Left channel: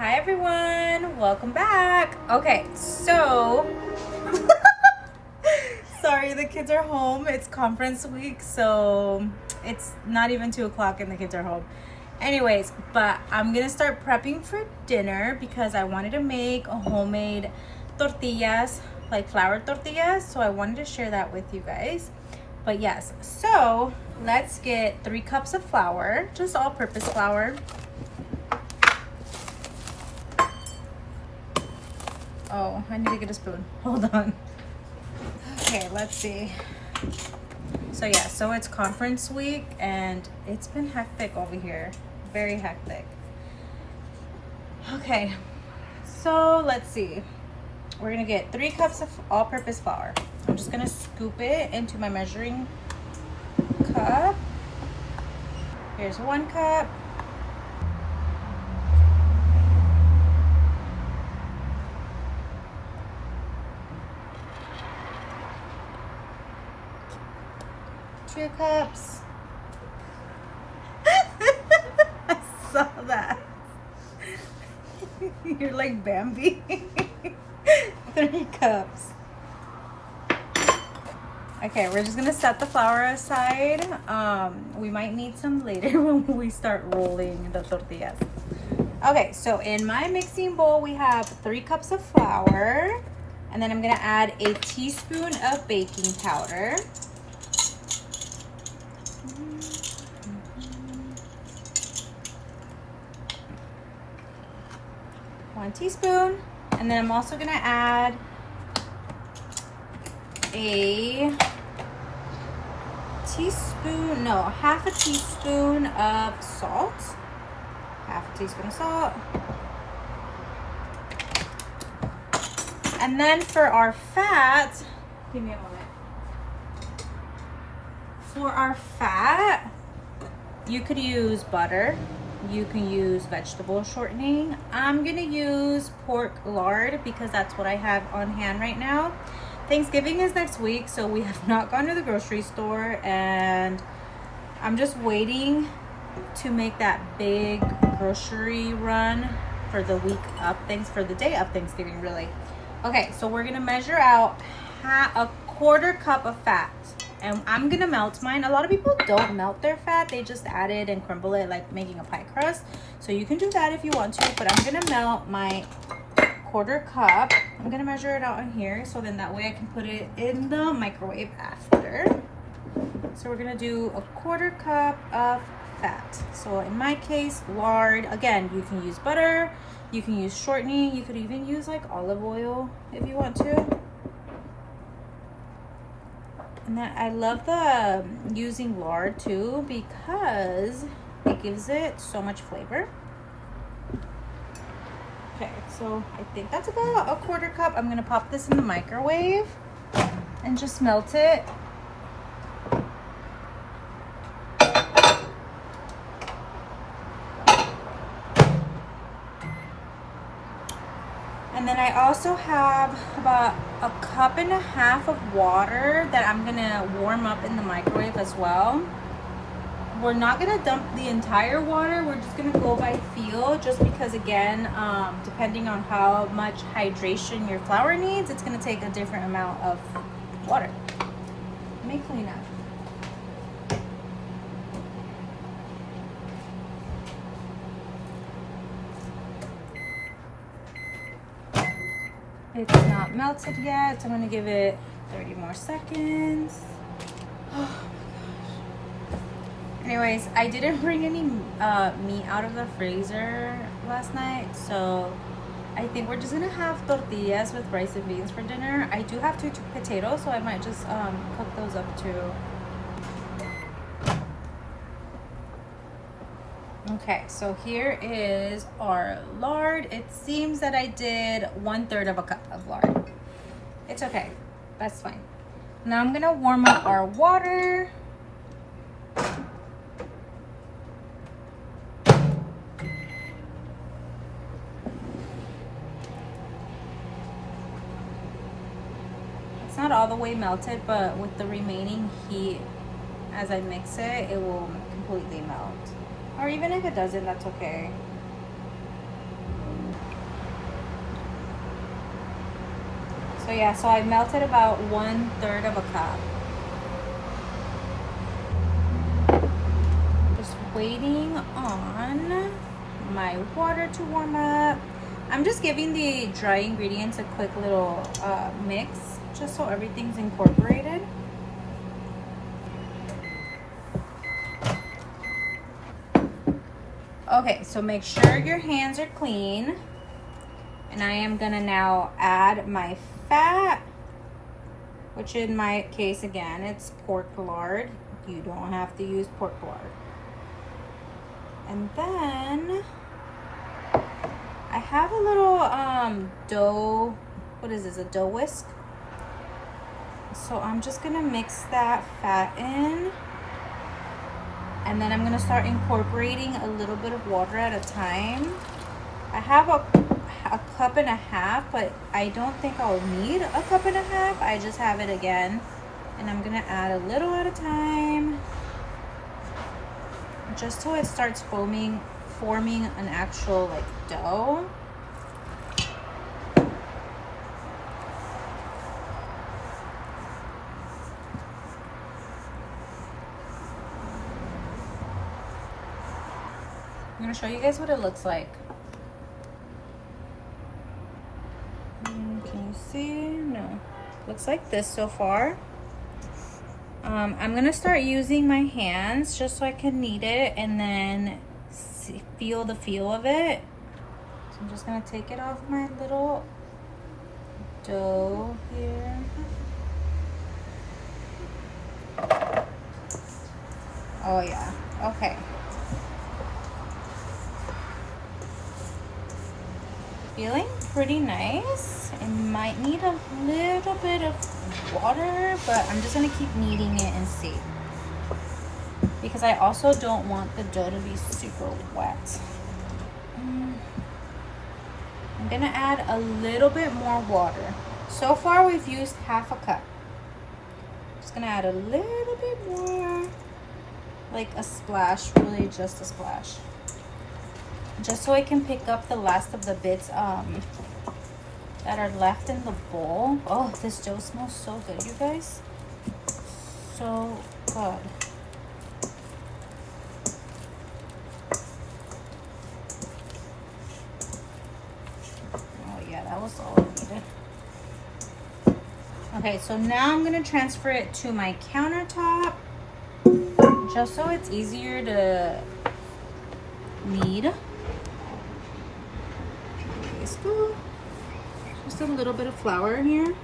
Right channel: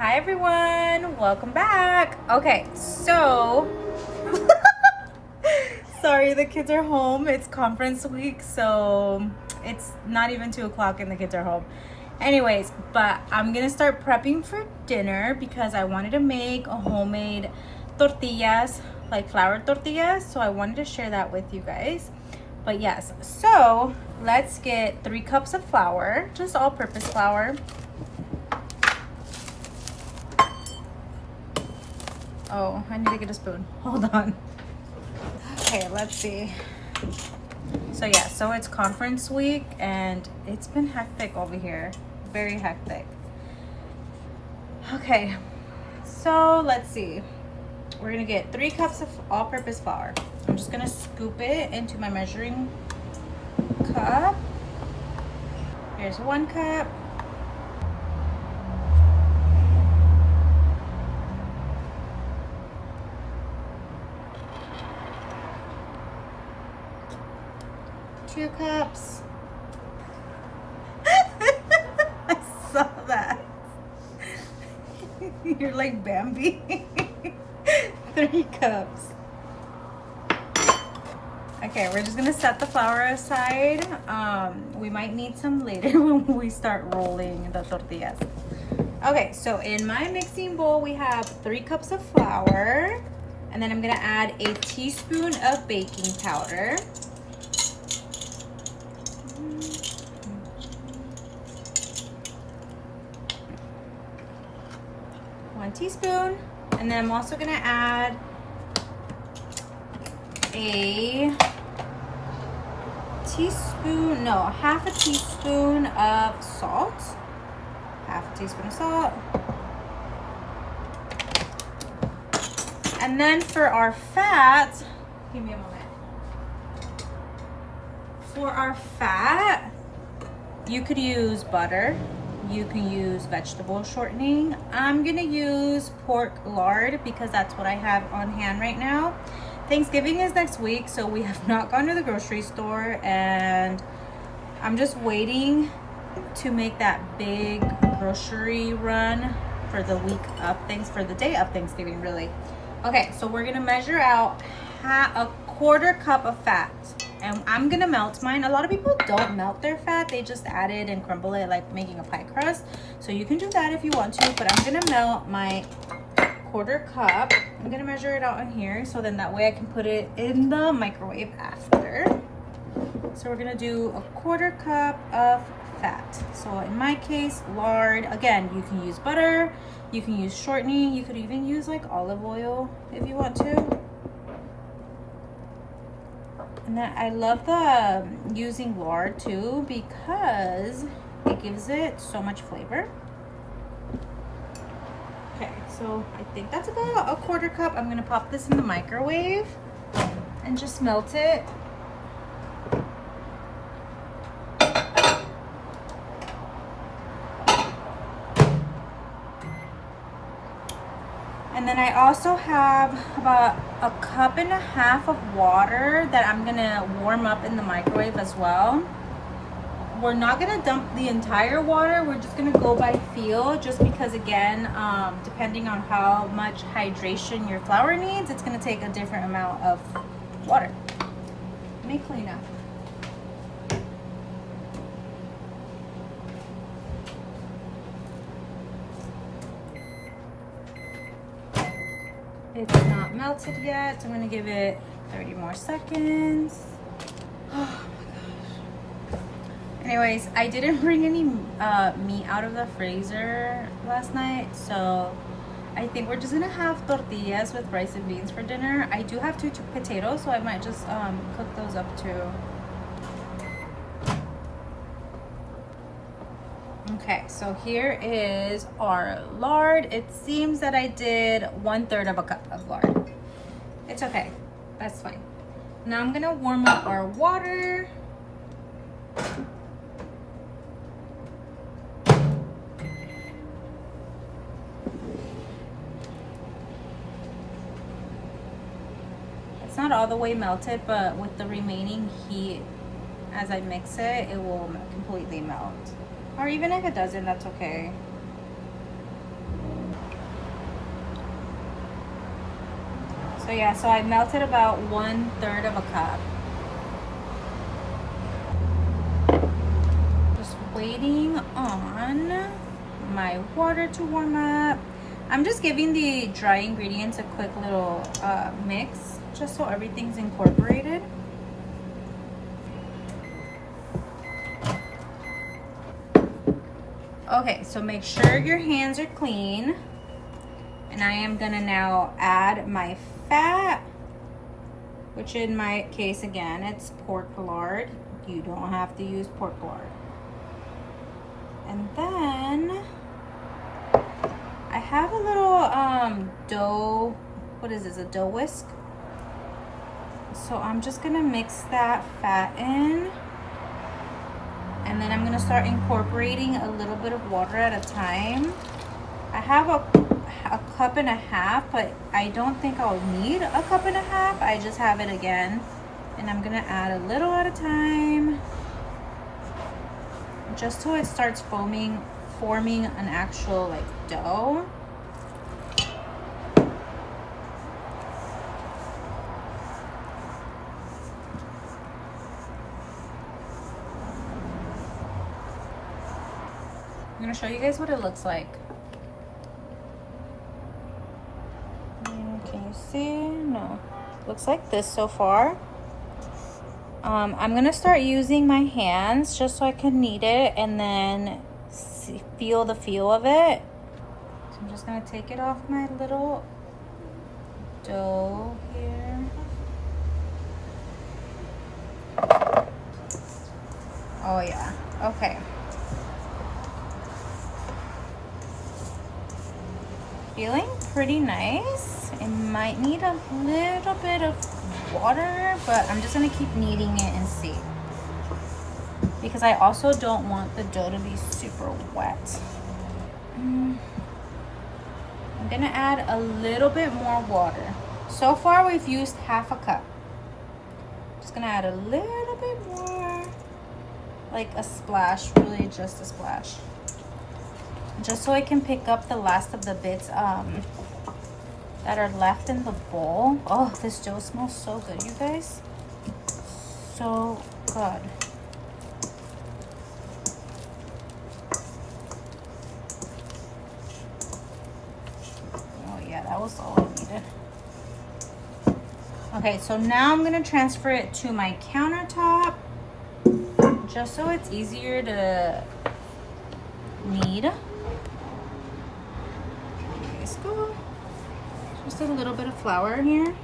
Hi everyone, welcome back. Okay, so sorry, the kids are home. It's conference week, so it's not even 2 o'clock and the kids are home. Anyways, but I'm gonna start prepping for dinner because I wanted to make a homemade tortillas, like flour tortillas. So I wanted to share that with you guys. But yes, so let's get 3 cups of flour, just all-purpose flour. Oh, I need to get a spoon. Hold on. Okay, let's see. So yeah, so it's conference week and it's been hectic over here. Very hectic. Okay, so let's see. We're gonna get 3 cups of all-purpose flour. I'm just gonna scoop it into my measuring cup. Here's 1 cup. Two cups. I saw that. You're like Bambi. 3 cups. Okay, we're just gonna set the flour aside. We might need some later when we start rolling the tortillas. Okay, so in my mixing bowl, we have 3 cups of flour, and then I'm gonna add a teaspoon of baking powder. 1 teaspoon, and then I'm also gonna add a teaspoon, no, half a teaspoon of salt. Half a teaspoon of salt. And then for our fat, give me a moment. For our fat, you could use butter. You can use vegetable shortening. I'm gonna use pork lard because that's what I have on hand right now. Thanksgiving is next week, so we have not gone to the grocery store, and I'm just waiting to make that big grocery run for the week of for the day of Thanksgiving, really. Okay, so we're gonna measure out a 1/4 cup of fat. And I'm gonna melt mine. A lot of people don't melt their fat. They just add it and crumble it like making a pie crust. So you can do that if you want to, but I'm gonna melt my 1/4 cup. I'm gonna measure it out on here so then that way I can put it in the microwave after. So we're gonna do a 1/4 cup of fat. So in my case, lard. Again, you can use butter, you can use shortening, you could even use like olive oil if you want to. And then I love the using lard too because it gives it so much flavor. Okay, so I think that's about a 1/4 cup. I'm gonna pop this in the microwave and just melt it. And then I also have about 1.5 cups of water that I'm gonna warm up in the microwave as well. We're not gonna dump the entire water. We're just gonna go by feel, just because again, depending on how much hydration your flour needs, it's gonna take a different amount of water. Let me clean up. It's not melted yet, so I'm gonna give it 30 more seconds. Oh my gosh. Anyways, I didn't bring any meat out of the freezer last night, so I think we're just gonna have tortillas with rice and beans for dinner. I do have 2 potatoes, so I might just cook those up too. Okay, so here is our lard. It seems that I did 1/3 cup of lard. It's okay, that's fine. Now I'm gonna warm up our water. It's not all the way melted, but with the remaining heat, as I mix it, it will completely melt. Or even if it doesn't, that's okay. So yeah, so I melted about 1/3 of a cup. Just waiting on my water to warm up. I'm just giving the dry ingredients a quick little mix, just so everything's incorporated. Okay, so make sure your hands are clean. And I am gonna now add my fat, which in my case, again, it's pork lard. You don't have to use pork lard. And then I have a little dough, what is this, a dough whisk? So I'm just gonna mix that fat in. And then I'm gonna start incorporating a little bit of water at a time. I have a 1.5 cups, but I don't think I'll need a 1.5 cups. I just have it again. And I'm gonna add a little at a time, just so it starts forming an actual like dough. I'm gonna show you guys what it looks like. Can you see? No. Looks like this so far. I'm gonna start using my hands just so I can knead it and then feel the feel of it. So I'm just gonna take it off my little dough here. Oh yeah, okay. Feeling pretty nice. It might need a little bit of water, but I'm just gonna keep kneading it and see, because I also don't want the dough to be super wet. I'm gonna add a little bit more water. So far we've used 1/2 cup. Just gonna add a little bit more, like a splash, really just a splash, just so I can pick up the last of the bits that are left in the bowl. Oh, this dough smells so good, you guys. So good. Oh yeah, that was all I needed. Okay, so now I'm gonna transfer it to my countertop, just so it's easier to knead. Let's go. Just a little bit of flour here.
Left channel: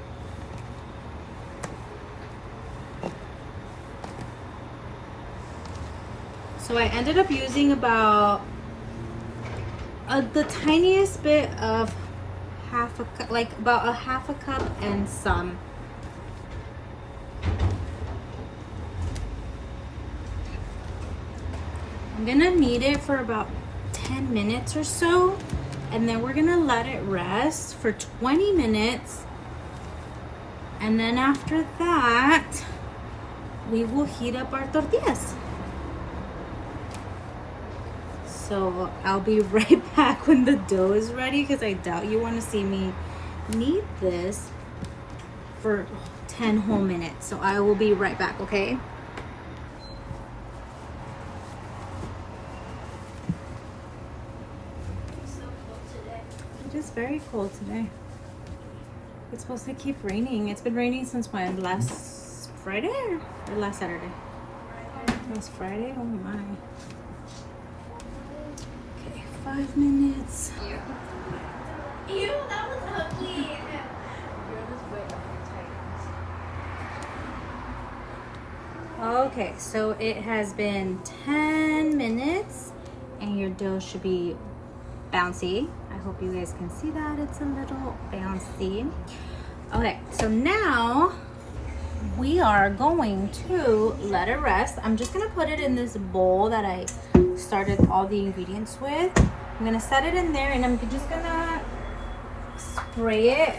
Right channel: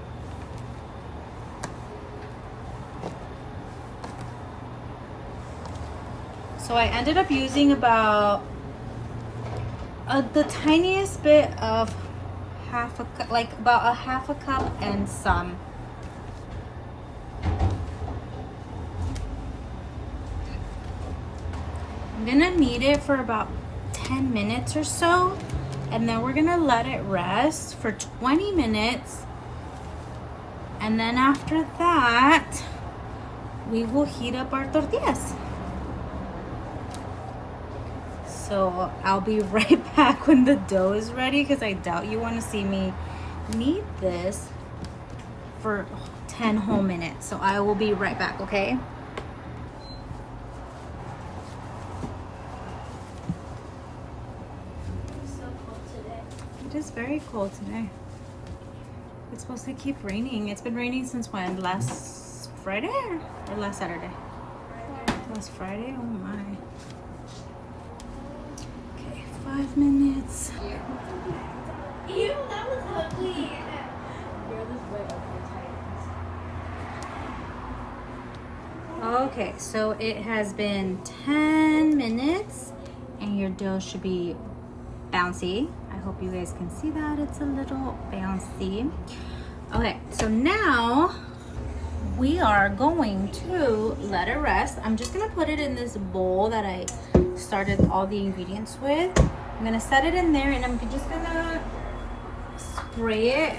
So I ended up using about the tiniest bit of 1/2 cup, like about a 1/2 cup and some. I'm gonna knead it for about 10 minutes or so, and then we're gonna let it rest for 20 minutes. And then after that, we will heat up our tortillas. So I'll be right back when the dough is ready, because I doubt you want to see me knead this for 10 whole minutes. So I will be right back, okay? It is very cold today. It's supposed to keep raining. It's been raining since when? Last Friday or last Saturday? Last Friday? Oh my. Okay, 5 minutes. Ew, that was ugly. Okay, so it has been 10 minutes and your dough should be bouncy. I hope you guys can see that. It's a little bouncy. Okay, so now we are going to let it rest. I'm just gonna put it in this bowl that I started all the ingredients with. I'm gonna set it in there, and I'm just gonna spray it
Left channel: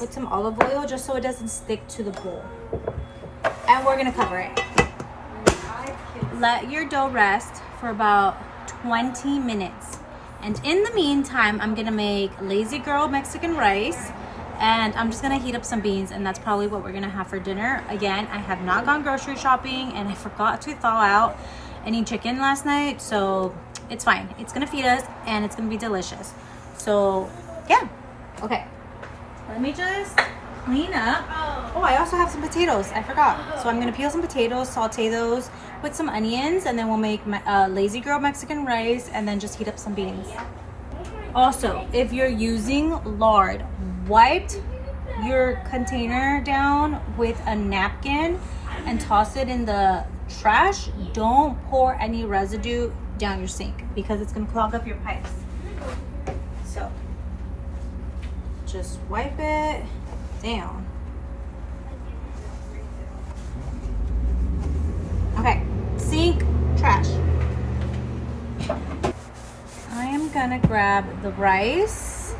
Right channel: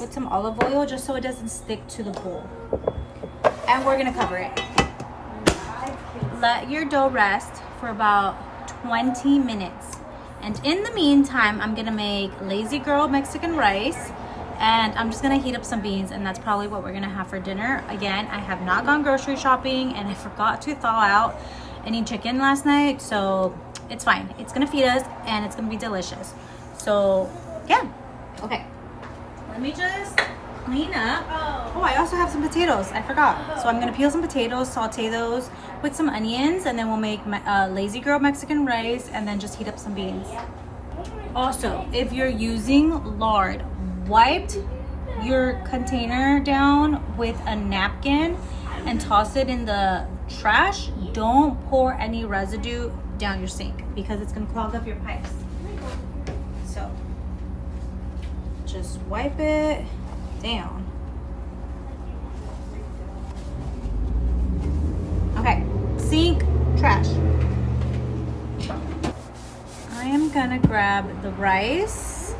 with some olive oil just so it doesn't stick to the bowl. And we're gonna cover it. Let your dough rest for about 20 minutes. And in the meantime, I'm gonna make Lazy Girl Mexican rice, And I'm just gonna heat up some beans, and that's probably what we're gonna have for dinner. Again, I have not gone grocery shopping, and I forgot to thaw out any chicken last night, so it's fine. It's gonna feed us, and it's gonna be delicious. So yeah, okay. Let me just clean up. Oh, I also have some potatoes. I forgot. So I'm gonna peel some potatoes, saute those with some onions, and then we'll make lazy girl Mexican rice, and then just heat up some beans. Also, if you're using lard, wipe your container down with a napkin and toss it in the trash. Don't pour any residue down your sink because it's gonna clog up your pipes. So just wipe it down. Okay, sink, trash. I am gonna grab the rice.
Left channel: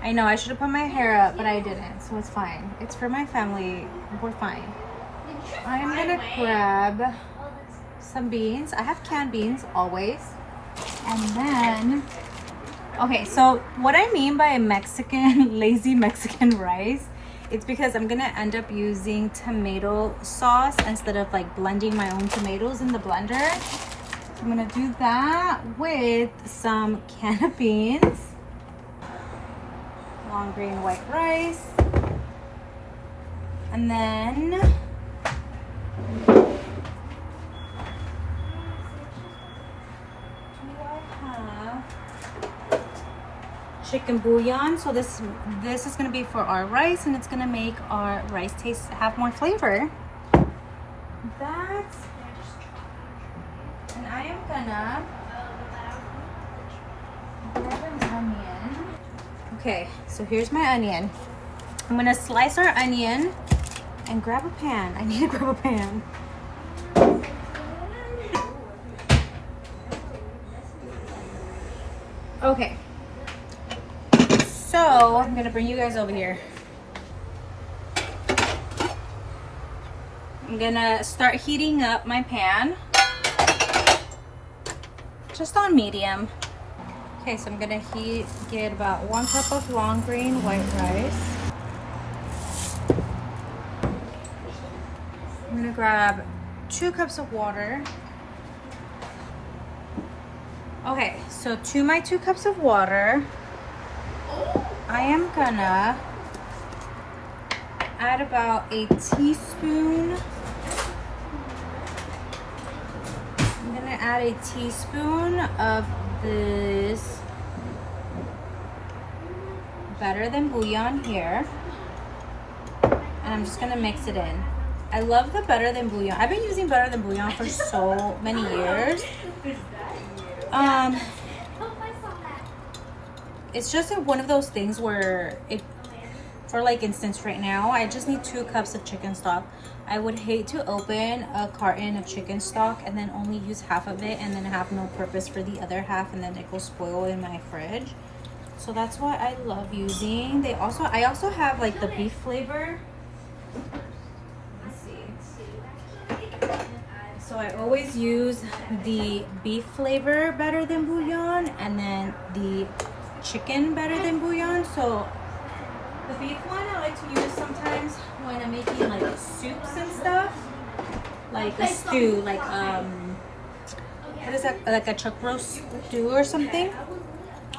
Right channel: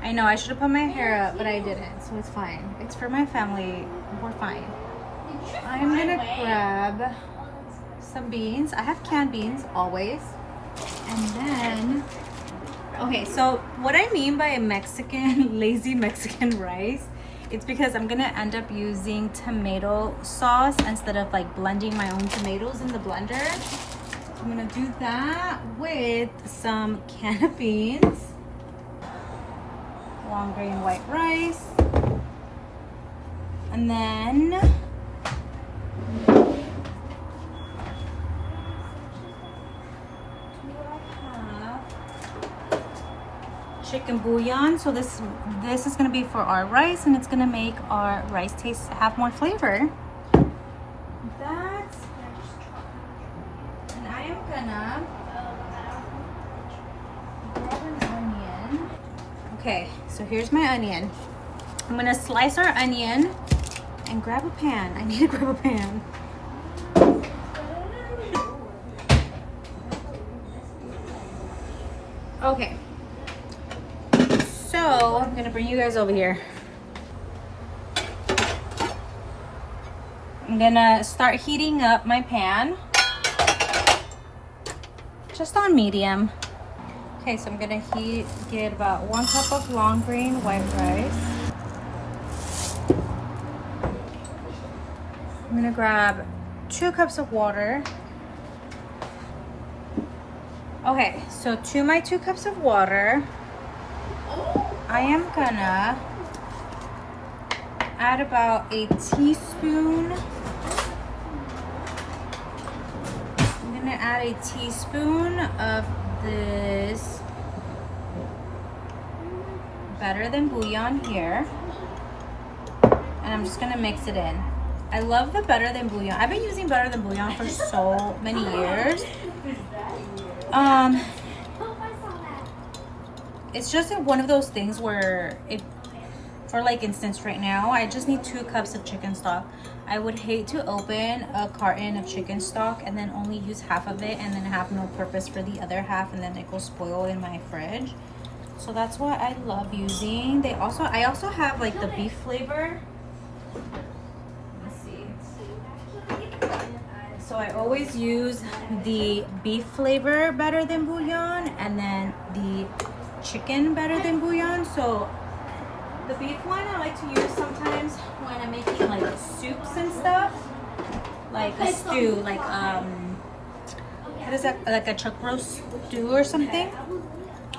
I know I should have put my hair up, but I didn't, so it's fine. It's for my family, we're fine. I'm gonna grab some beans. I have canned beans always. And then, okay, so what I mean by a Mexican, lazy Mexican rice, it's because I'm gonna end up using tomato sauce instead of like blending my own tomatoes in the blender. I'm gonna do that with some canned beans, long grain white rice, and then do I have chicken bouillon? So this is gonna be for our rice, and it's gonna make our rice have more flavor. That's I am gonna grab an onion. Okay, so here's my onion. I'm gonna slice our onion and grab a pan. I need to grab a pan. Okay, so I'm gonna bring you guys over here. I'm gonna start heating up my pan. Just on medium. Okay, so I'm gonna get about 1 cup of long grain white rice. I'm gonna grab 2 cups of water. Okay, so to my 2 cups of water, I am gonna add about a teaspoon. I'm gonna add a teaspoon of this better than bouillon here, and I'm just gonna mix it in. I love the better than bouillon. I've been using better than bouillon for so many years. It's just one of those things where for like instance right now, I just need 2 cups of chicken stock. I would hate to open a carton of chicken stock and then only use half of it and then have no purpose for the other half, and then it will spoil in my fridge. So that's what I love using. I also have like the beef flavor. Let's see. So I always use the beef flavor better than bouillon, and then the chicken better than bouillon. So the beef one I like to use sometimes when I'm making like soups and stuff, like a stew, like what is that, like a chuck roast stew or something,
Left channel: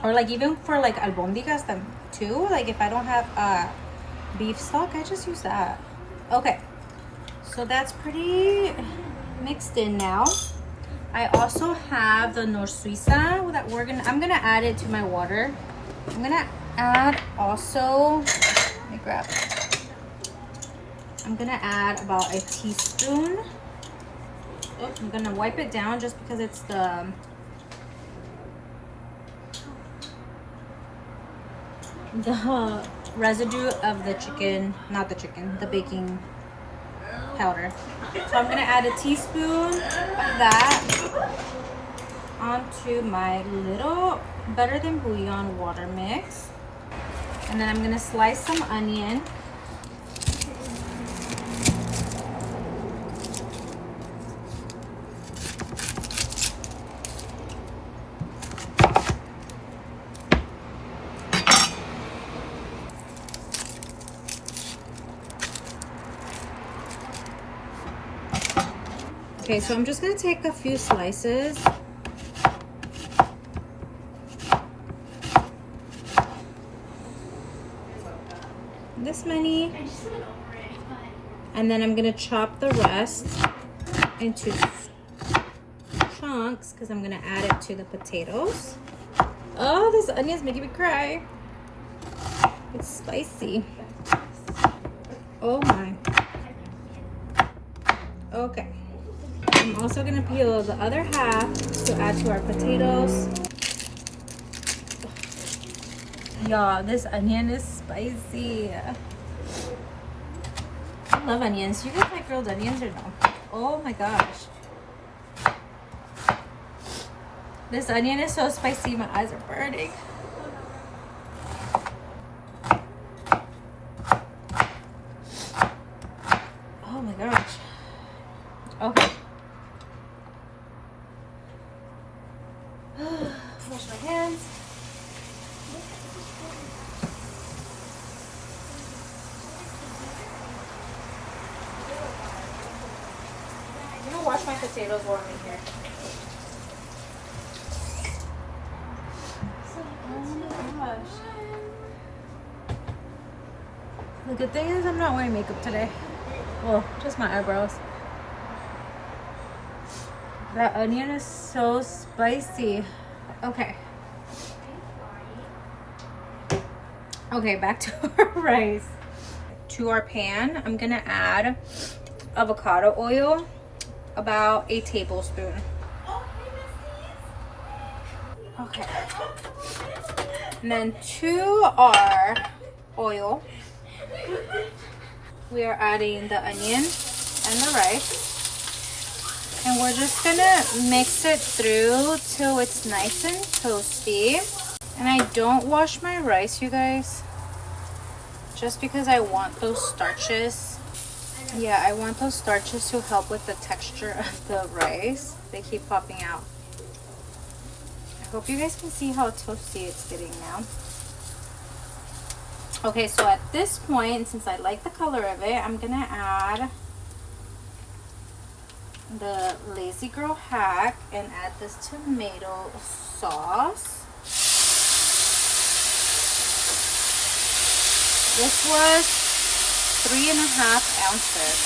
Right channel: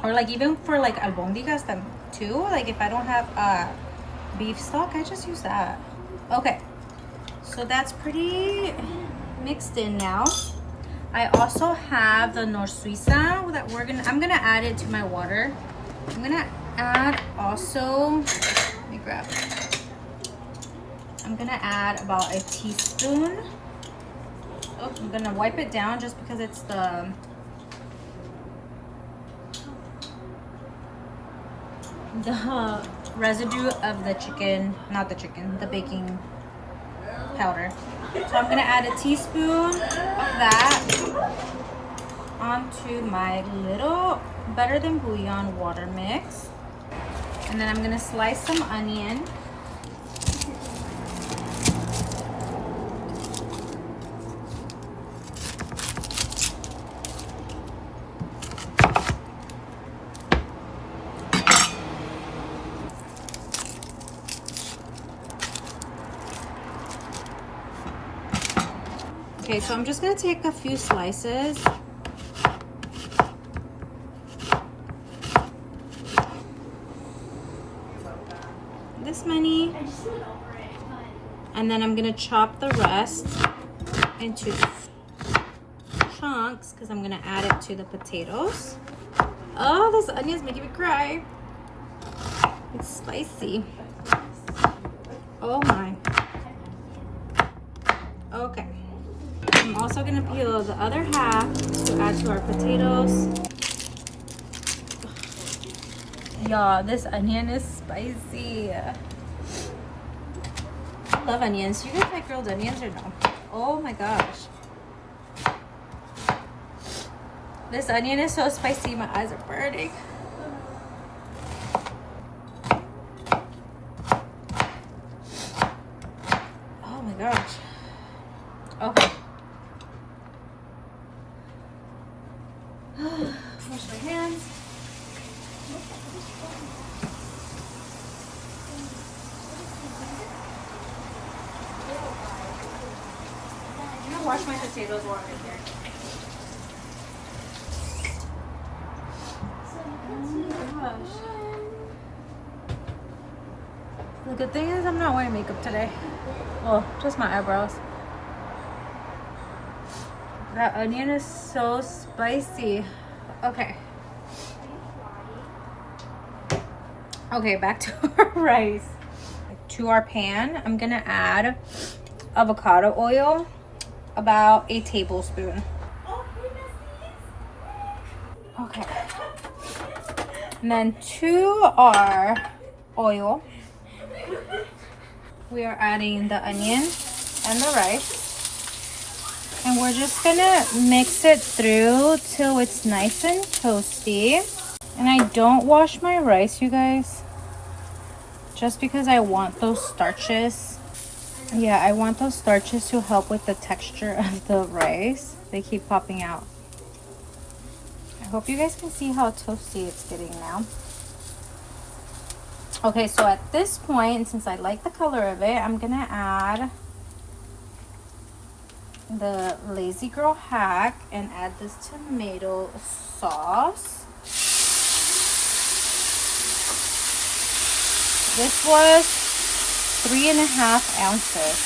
or like even for like albondigas too. Like if I don't have beef stock, I just use that. Okay, so that's pretty mixed in now. I also have the Nor Suiza that I'm gonna add it to my water. I'm gonna add also, let me grab it. I'm gonna add about a teaspoon. Oh, I'm gonna wipe it down just because it's the residue of the chicken, not the chicken, the baking powder. So I'm gonna add a teaspoon of that onto my little better than bouillon water mix. And then I'm gonna slice some onion. Okay, so I'm just gonna take a few slices. This many. And then I'm gonna chop the rest into chunks because I'm gonna add it to the potatoes. Oh, this onion's making me cry. It's spicy. Oh my. Okay. I'm also gonna peel the other half to add to our potatoes. Y'all, this onion is spicy. I love onions. You guys like grilled onions or no? Oh my gosh. This onion is so spicy, my eyes are burning. Oh my gosh. Okay. Wash my hands. I'm gonna wash my potatoes while I'm in here. The good thing is I'm not wearing makeup today. Well, just my eyebrows. That onion is so spicy. Okay. Okay, back to our rice. To our pan, I'm gonna add avocado oil, about a tablespoon. Okay. And then to our oil, we are adding the onion and the rice. And we're just gonna mix it through till it's nice and toasty. And I don't wash my rice, you guys, just because I want those starches. Yeah, I want those starches to help with the texture of the rice. They keep popping out. I hope you guys can see how toasty it's getting now. Okay, so at this point, since I like the color of it, I'm gonna add the Lazy Girl hack and add this tomato sauce. This was 3.5 ounces.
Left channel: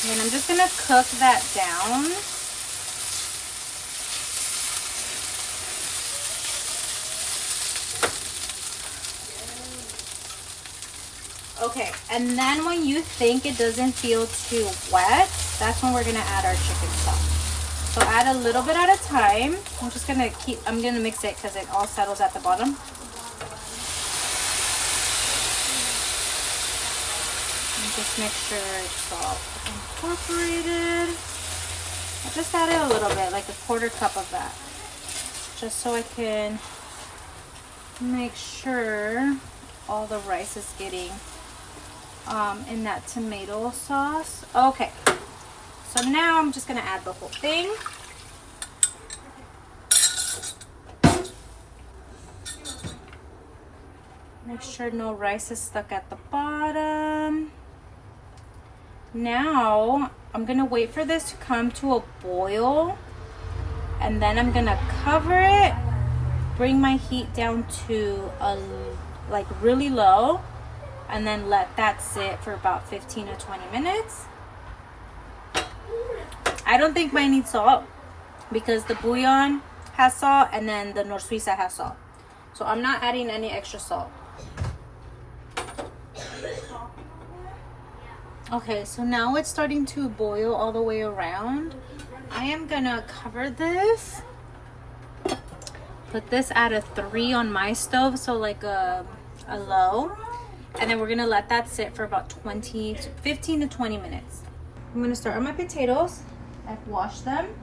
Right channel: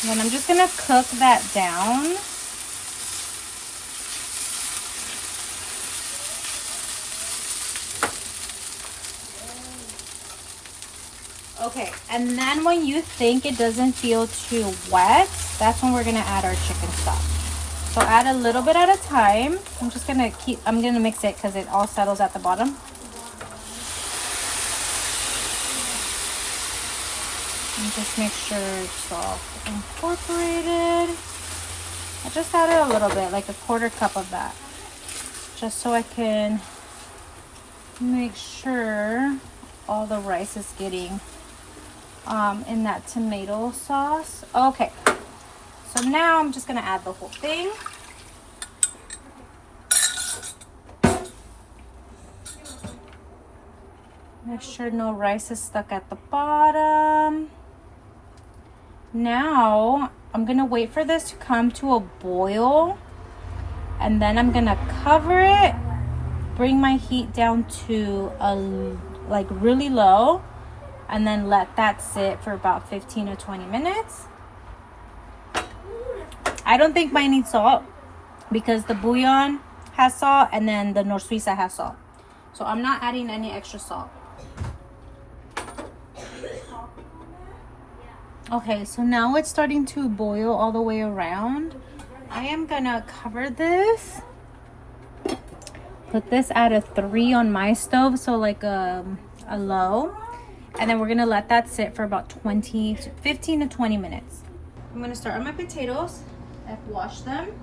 And then I'm just gonna cook that down. Okay, and then when you think it doesn't feel too wet, that's when we're gonna add our chicken stock. So add a little bit at a time. I'm gonna mix it because it all settles at the bottom. And just make sure it's all incorporated. I just added a little bit, like a 1/4 cup of that. Just so I can make sure all the rice is getting in that tomato sauce. Okay, so now I'm just gonna add the whole thing. Make sure no rice is stuck at the bottom. Now I'm gonna wait for this to come to a boil, and then I'm gonna cover it, bring my heat down to like really low, and then let that sit for about 15 to 20 minutes. I don't think mine needs salt because the bouillon has salt and then the Nor Suiza has salt. So I'm not adding any extra salt. Okay, so now it's starting to boil all the way around. I am gonna cover this. Put this at a 3 on my stove, so like a low. And then we're gonna let that sit for about 15 to 20 minutes. I'm gonna start on my potatoes. I've washed them.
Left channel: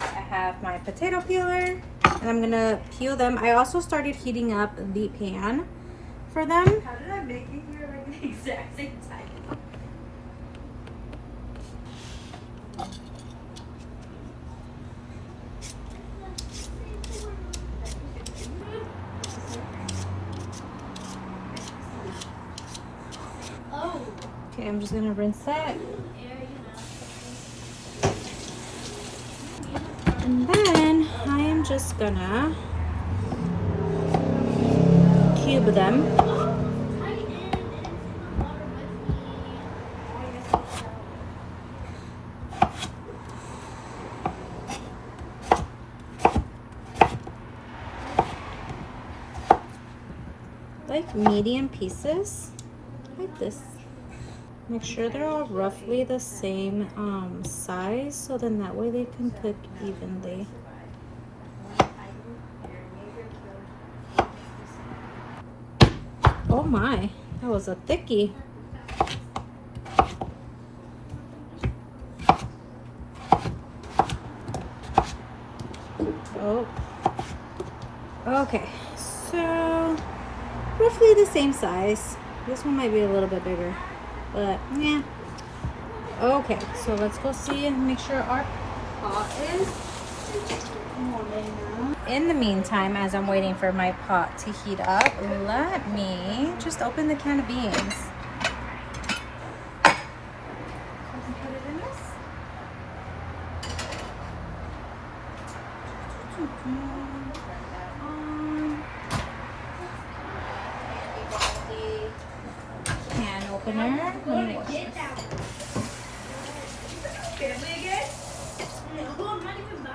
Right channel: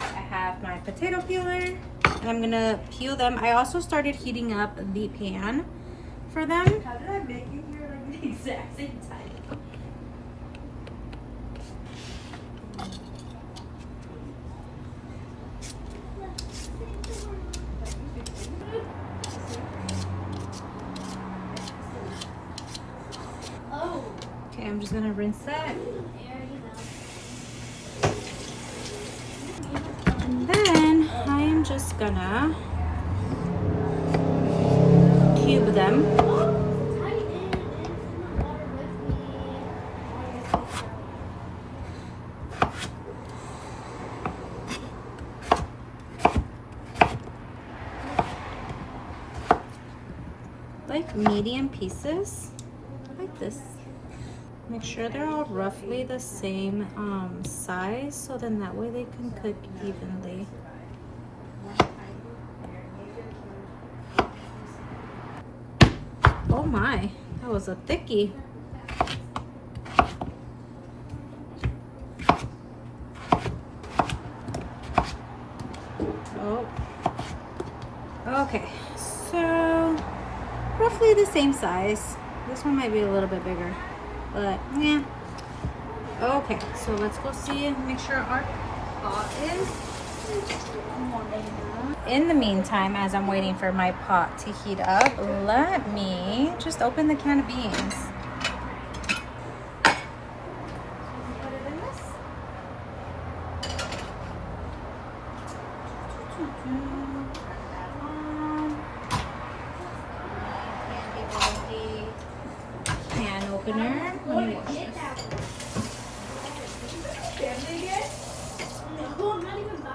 I have my potato peeler, and I'm gonna peel them. I also started heating up the pan for them. How did I make it here like the exact same time? Okay, I'm just gonna rinse that. And then I am just gonna cube them. Like medium pieces, like this. Make sure they're all roughly the same size, so then that way they can cook evenly. Oh my, that was a thickie. Oh, okay, so roughly the same size. This one might be a little bit bigger, but yeah. Okay, so let's go see and make sure our pot is warming now. In the meantime, as I'm waiting for my pot to heat up, let me just open the can of beans. So I can put it in this. Can opener. Let me wash this.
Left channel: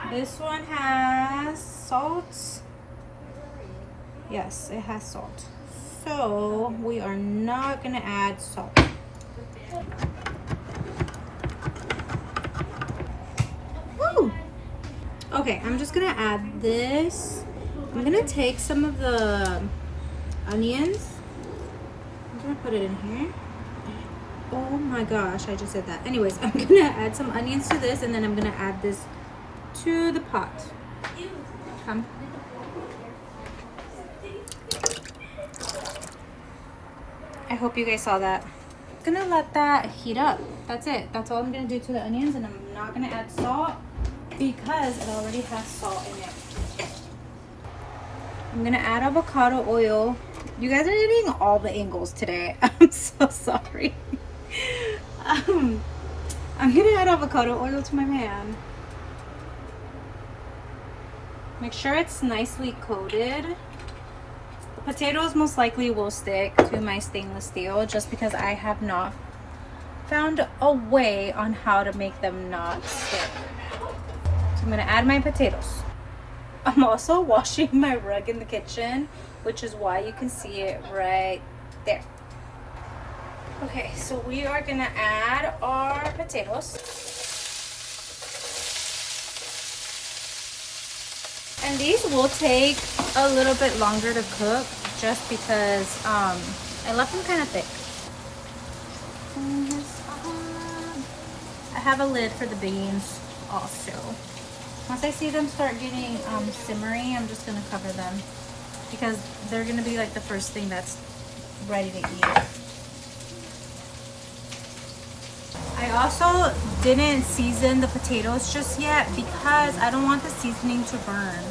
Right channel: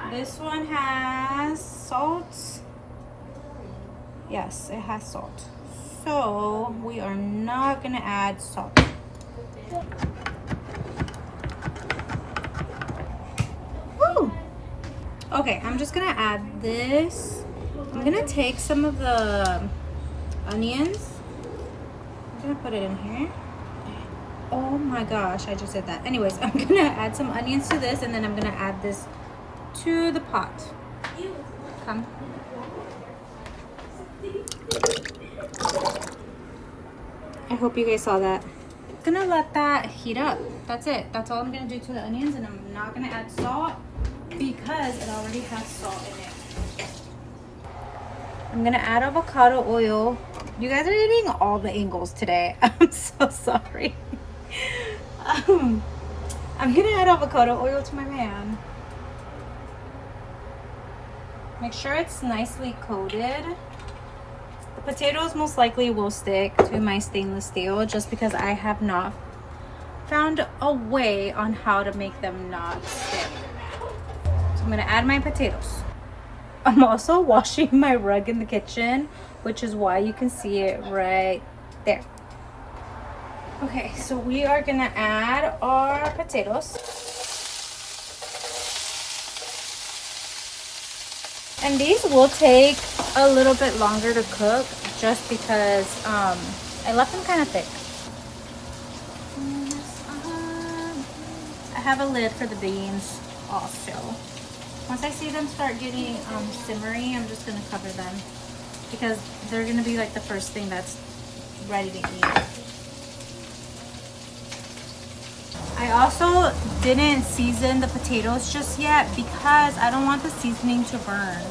This one has salt. Yes, it has salt. So we are not gonna add salt. Woo! Okay, I'm just gonna add this. I'm gonna take some of the onions. I'm gonna put it in here. Oh my gosh, I just did that. Anyways, I'm gonna add some onions to this, and then I'm gonna add this to the pot. Come. I hope you guys saw that. I'm gonna let that heat up. That's it. That's all I'm gonna do to the onions, and I'm not gonna add salt because it already has salt in it. I'm gonna add avocado oil. You guys are getting all the angles today. I'm so sorry. I'm gonna add avocado oil to my pan. Make sure it's nicely coated. The potatoes most likely will stick to my stainless steel just because I have not found a way on how to make them not stick. So I'm gonna add my potatoes. I'm also washing my rug in the kitchen, which is why you can see it right there. Okay, so we are gonna add our potatoes. And these will take a little bit longer to cook just because I left them kind of thick. I have a lid for the beans also. Once I see them start getting simmery, I'm just gonna cover them because they're gonna be like the first thing that's ready to eat. I also didn't season the potatoes just yet because I don't want the seasoning to burn.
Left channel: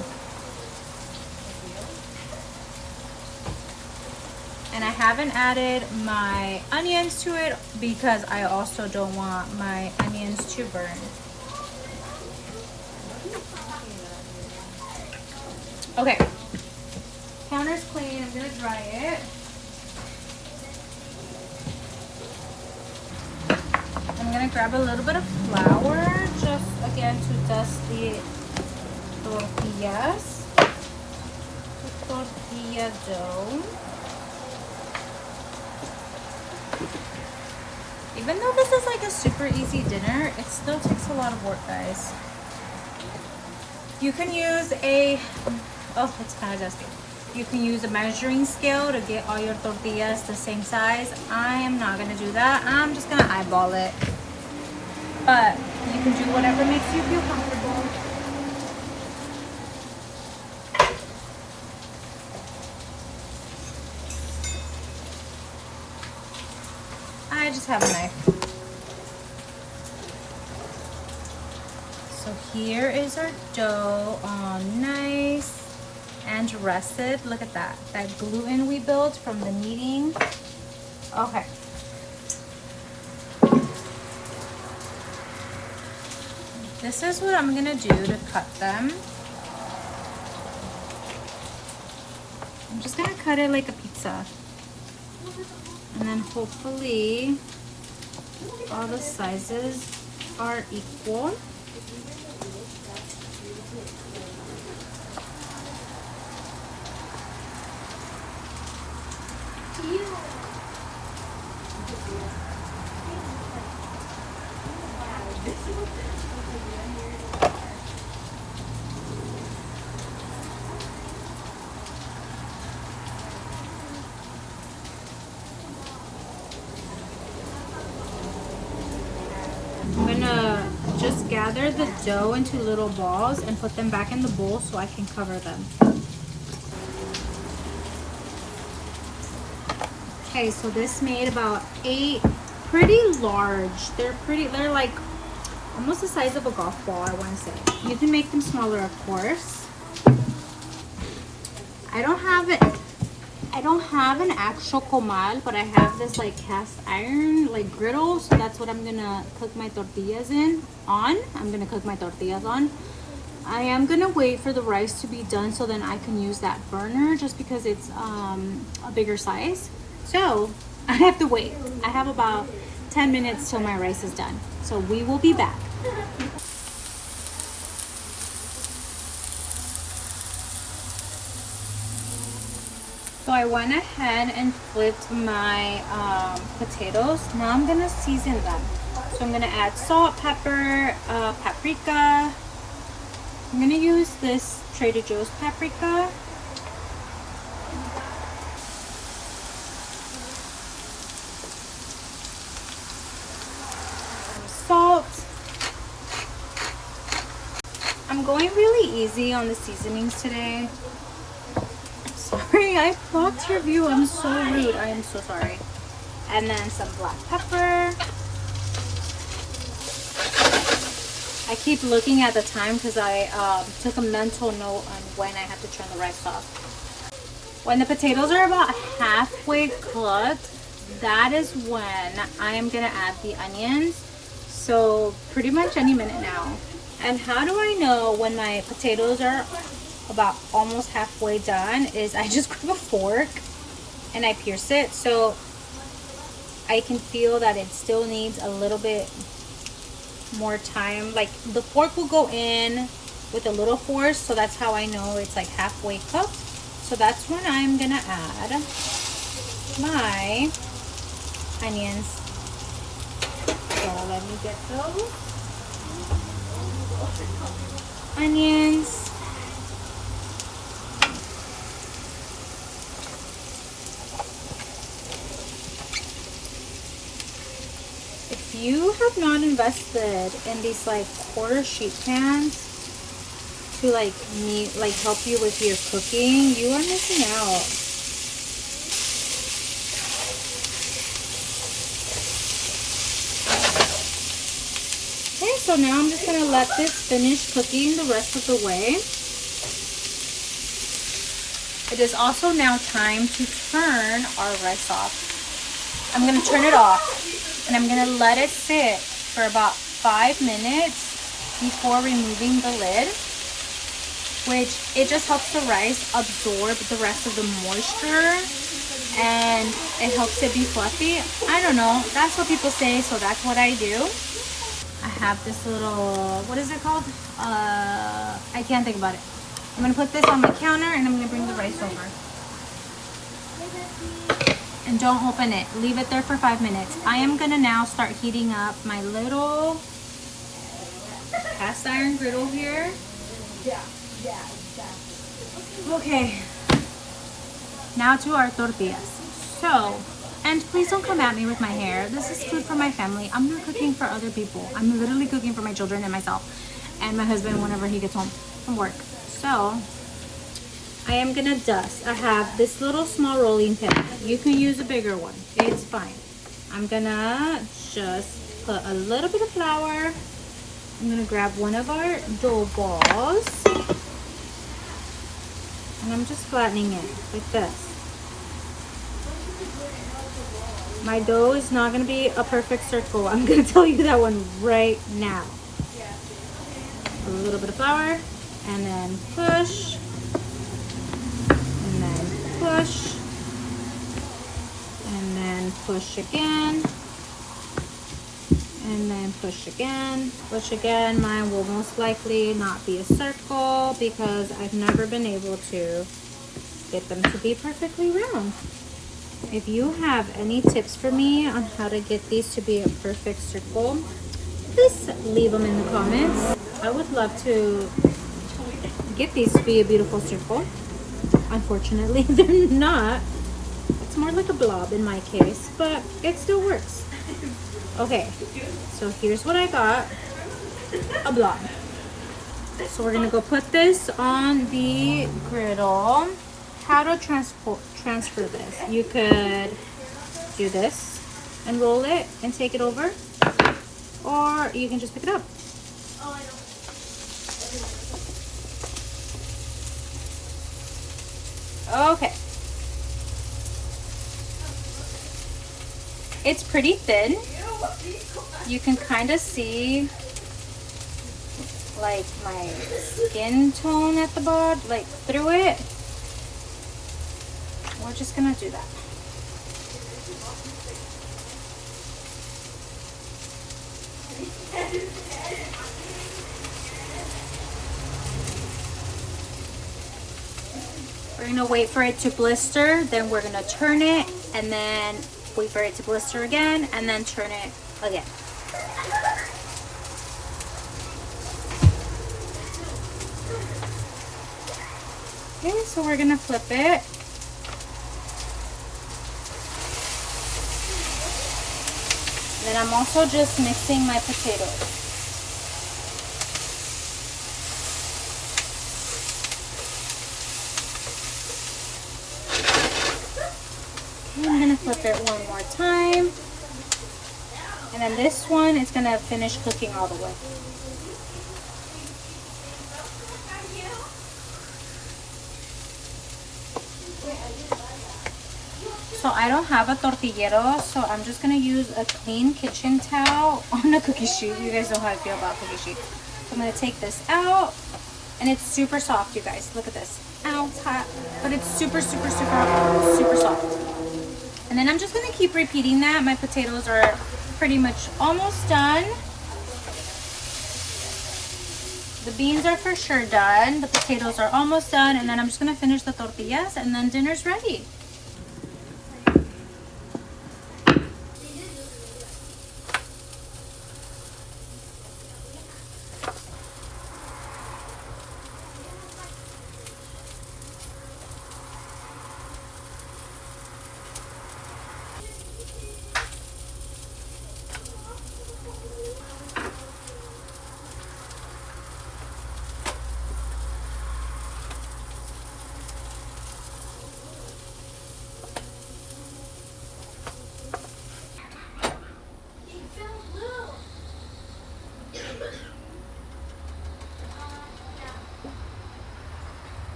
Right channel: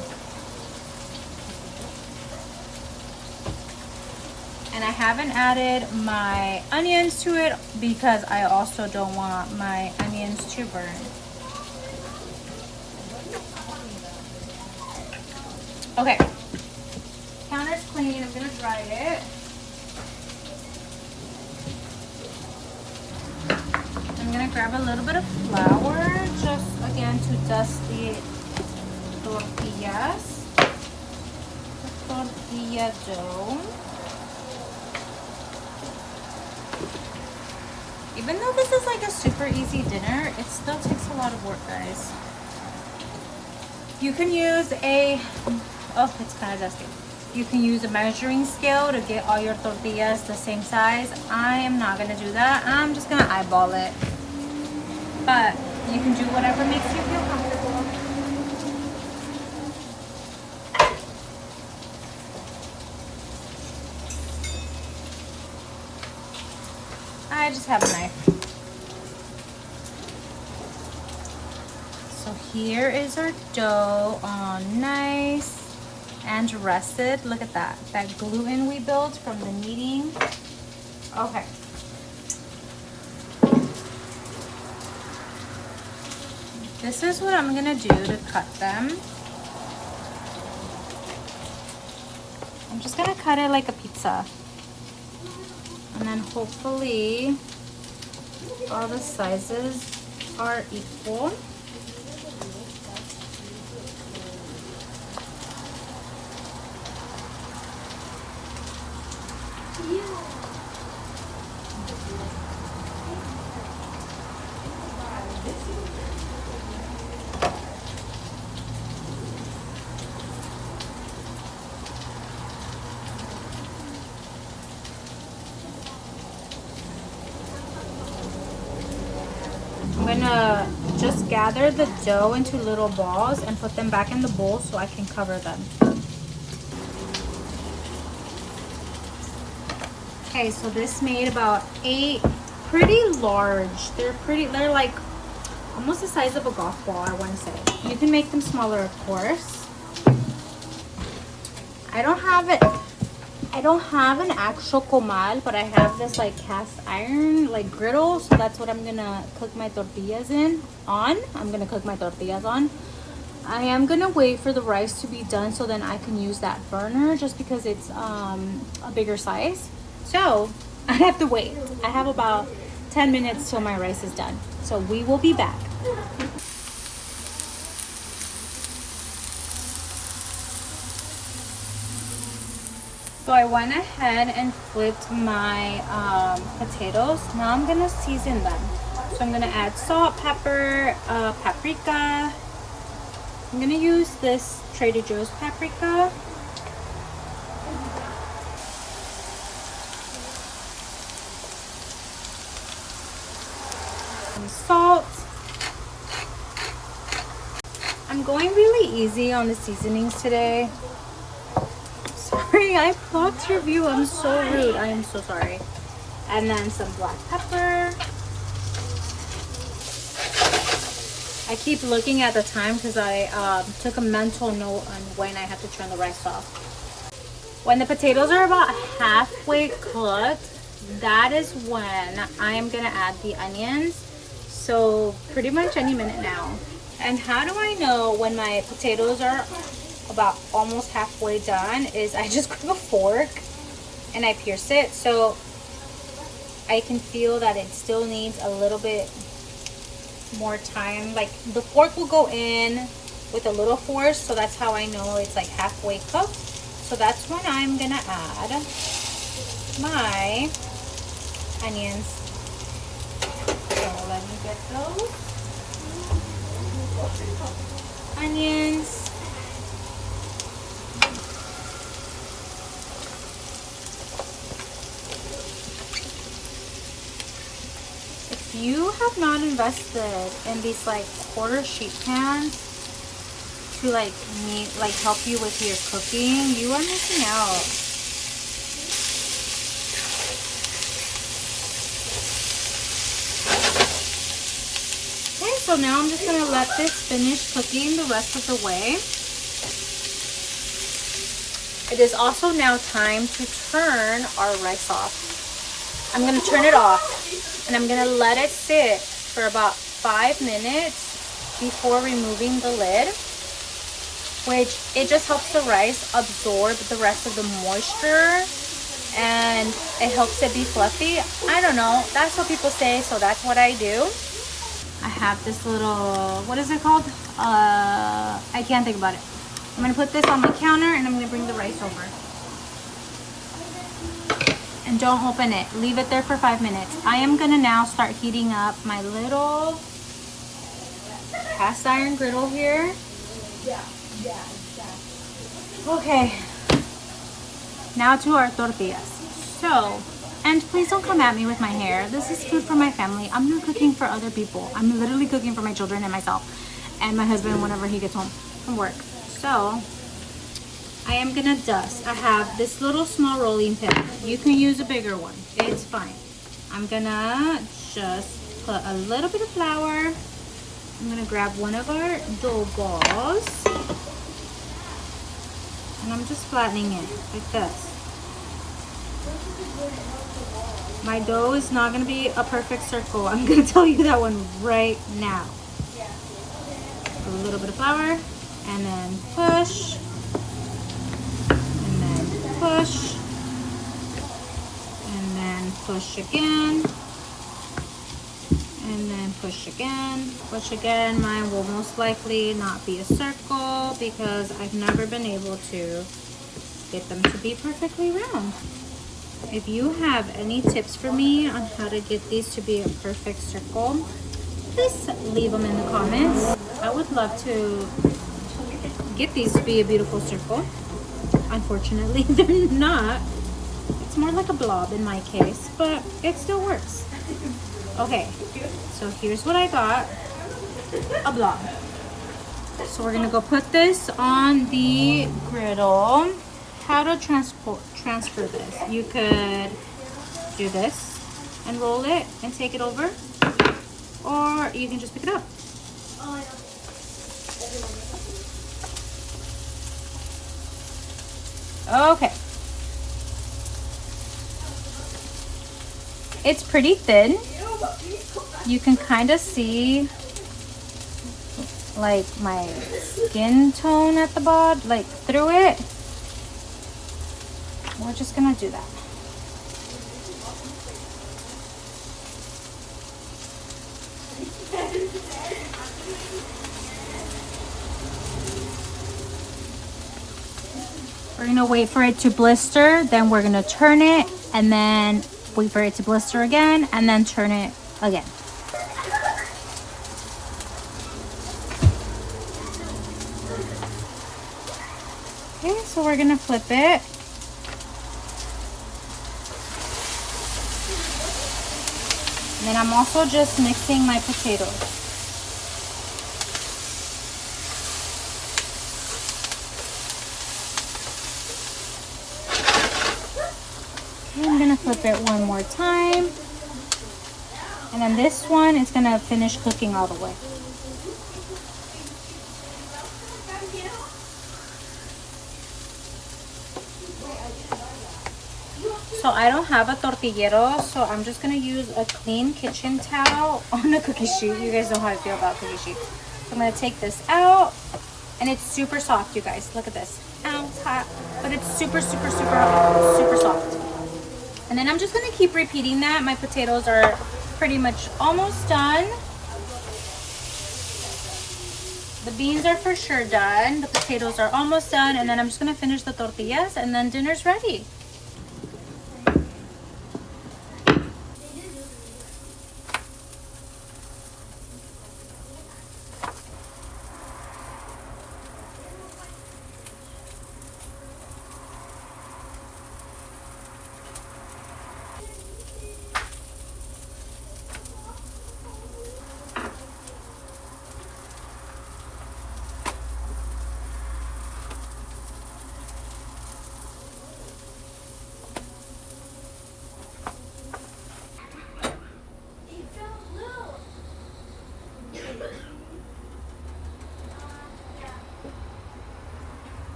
And I haven't added my onions to it because I also don't want my onions to burn. Okay, counter's clean. I'm gonna dry it. I'm gonna grab a little bit of flour, just again to dust the tortillas. The tortilla dough. Even though this is like a super easy dinner, it still takes a lot of work, guys. You can use a, oh, it's kind of dusty. You can use a measuring scale to get all your tortillas the same size. I am not gonna do that. I'm just gonna eyeball it. But you can do whatever makes you feel comfortable. I just have a knife. So here is our dough, all nice and rested. Look at that. That gluten we built from the kneading. Okay. This is what I'm gonna do to cut them. I'm just gonna cut it like a pizza. And then hopefully all the sizes are equal. I'm gonna just gather the dough into little balls and put them back in the bowl so I can cover them. Okay, so this made about 8 pretty large. They're like almost the size of a golf ball, I want to say. You can make them smaller, of course. I don't have an actual comal, but I have this like cast iron like griddle, so that's what I'm gonna cook my tortillas on. I am gonna wait for the rice to be done so then I can use that burner just because it's a bigger size. So I have to wait. I have about 10 minutes till my rice is done. So we will be back. So I went ahead and flipped my potatoes. Now I'm gonna season them. So I'm gonna add salt, pepper, paprika. I'm gonna use this Trader Joe's paprika. Some salt. I'm going really easy on the seasonings today. Sorry, I blocked your view. I'm so rude. I am so sorry. And then some black pepper. I keep looking at the time because I took a mental note on when I have to turn the rice off. When the potatoes are about halfway cooked, that is when I am gonna add the onions. So pretty much any minute now. And how do I know when my potatoes are about almost halfway done is I just grab a fork and I pierce it so I can feel that it still needs a little bit more time. Like the fork will go in with a little force, so that's how I know it's like halfway cooked. So that's when I'm gonna add my onions. So let me get those onions. If you have not invested in these like quarter sheet pans to like help you with your cooking, you are missing out. Okay, so now I'm just gonna let this finish cooking the rest of the way. It is also now time to turn our rice off. I'm gonna turn it off. And I'm gonna let it sit for about 5 minutes before removing the lid, which it just helps the rice absorb the rest of the moisture and it helps it be fluffy. I don't know, that's what people say, so that's what I do. I have this little, what is it called? I can't think about it. I'm gonna put this on my counter and I'm gonna bring the rice over. And don't open it. Leave it there for 5 minutes. I am gonna now start heating up my little cast iron griddle here. Okay. Now to our tortillas. So, and please don't come at me with my hair. This is food for my family. I'm not cooking for other people. I'm literally cooking for my children and myself and my husband whenever he gets home from work. So, I am gonna dust. I have this little small rolling pin. You can use a bigger one. It's fine. I'm gonna just put a little bit of flour. I'm gonna grab one of our dough balls. And I'm just flattening it like this. My dough is not gonna be a perfect circle. I'm gonna tell you that one right now. a little bit of flour, and then push, and then push, and then push again, and then push again, push again. Mine will most likely not be a circle because I've never been able to get them to be perfectly round. If you have any tips for me on how to get these to be a perfect circle, please leave them in the comments. I would love to get these to be a beautiful circle. Unfortunately, they're not. It's more like a blob in my case, but it still works. Okay, so here's what I got, a blob. So we're gonna go put this on the griddle. How to transfer this? You could do this and roll it and take it over, or you can just pick it up. Okay. It's pretty thin. You can kind of see like my skin tone at the bottom, like through it. We're just gonna do that. We're gonna wait for it to blister, then we're gonna turn it, and then wait for it to blister again, and then turn it again. Okay, so we're gonna flip it. And then I'm also just mixing my potatoes. Okay, I'm gonna flip it one more time. And then this one is gonna finish cooking all the way. So I don't have a tortillero, so I'm just gonna use a clean kitchen towel on a cookie sheet. You guys know how I feel about cookie sheets. So I'm gonna take this out, and it's super soft, you guys. Look at this. Ow, it's hot, but it's super, super, super, super soft. And then I'm just gonna keep repeating that. My potatoes are pretty much almost done. The beans are for sure done. The potatoes are almost done, and then I'm just gonna finish the tortillas, and then dinner's ready.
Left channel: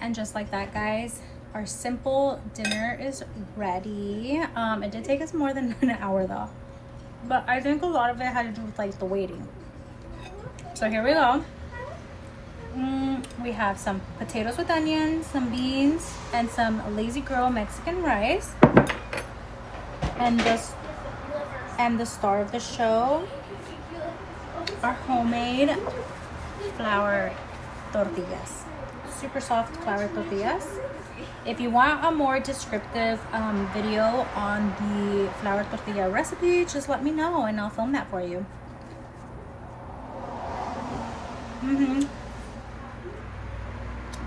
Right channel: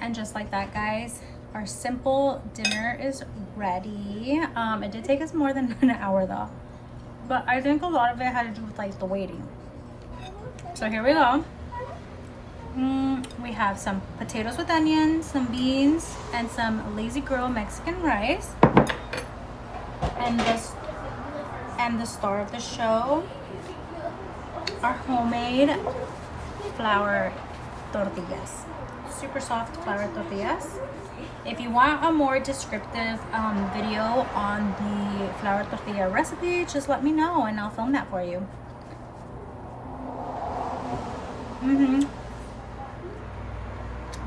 And just like that, guys, our simple dinner is ready. It did take us more than an hour though, but I think a lot of it had to do with like the waiting. So here we go. We have some potatoes with onions, some beans, and some lazy girl Mexican rice, and the star of the show, our homemade flour tortillas. Super soft flour tortillas. If you want a more descriptive video on the flour tortilla recipe, just let me know and I'll film that for you.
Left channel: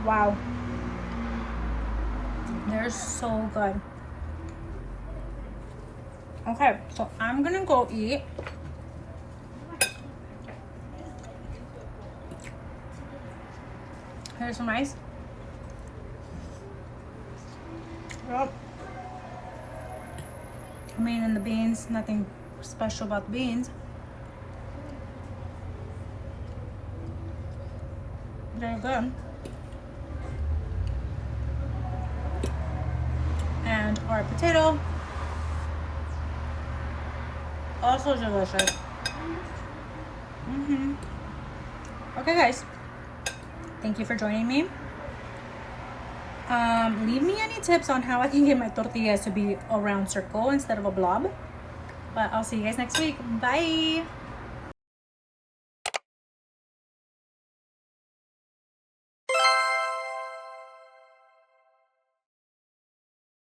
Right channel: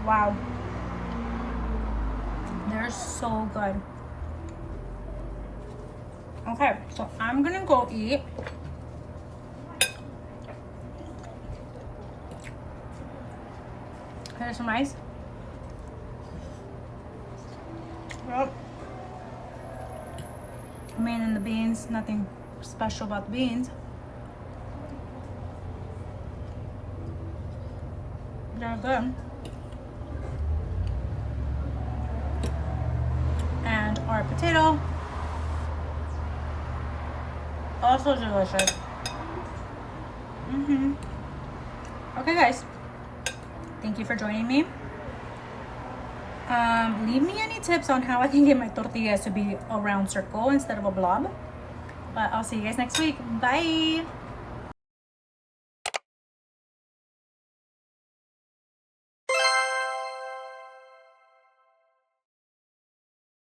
Wow, they're so good. Okay, so I'm gonna go eat. Here's some rice. Well, I mean, in the beans, nothing special about the beans. They're good. And our potato, also delicious. Okay, guys, thank you for joining me. Leave me any tips on how I can get my tortillas to be a round circle instead of a blob. But I'll see you guys next week. Bye.